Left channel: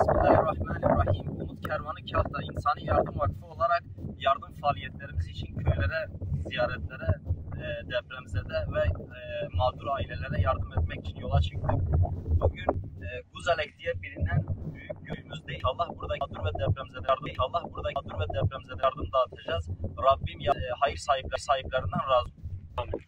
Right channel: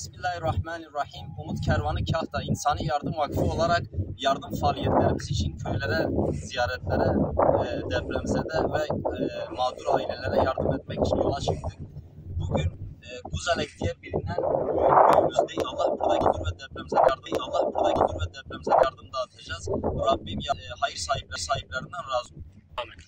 Bismillahirrahmanirrahim. Umut Kervanı Kahta İnsani Yardım Vakfı olarak yardım faaliyetlerimiz için köylere, ziyaretlere, depremzede ve mağdur ailelere yardım etmek için yola çıktık. Bugün Guzalek diye bilinen köyümüzdeyiz. Allah burada mağdur ve depremzede yardım dağıtacağız. Rabbim hayır sahiplerinden razı olsun. Amin.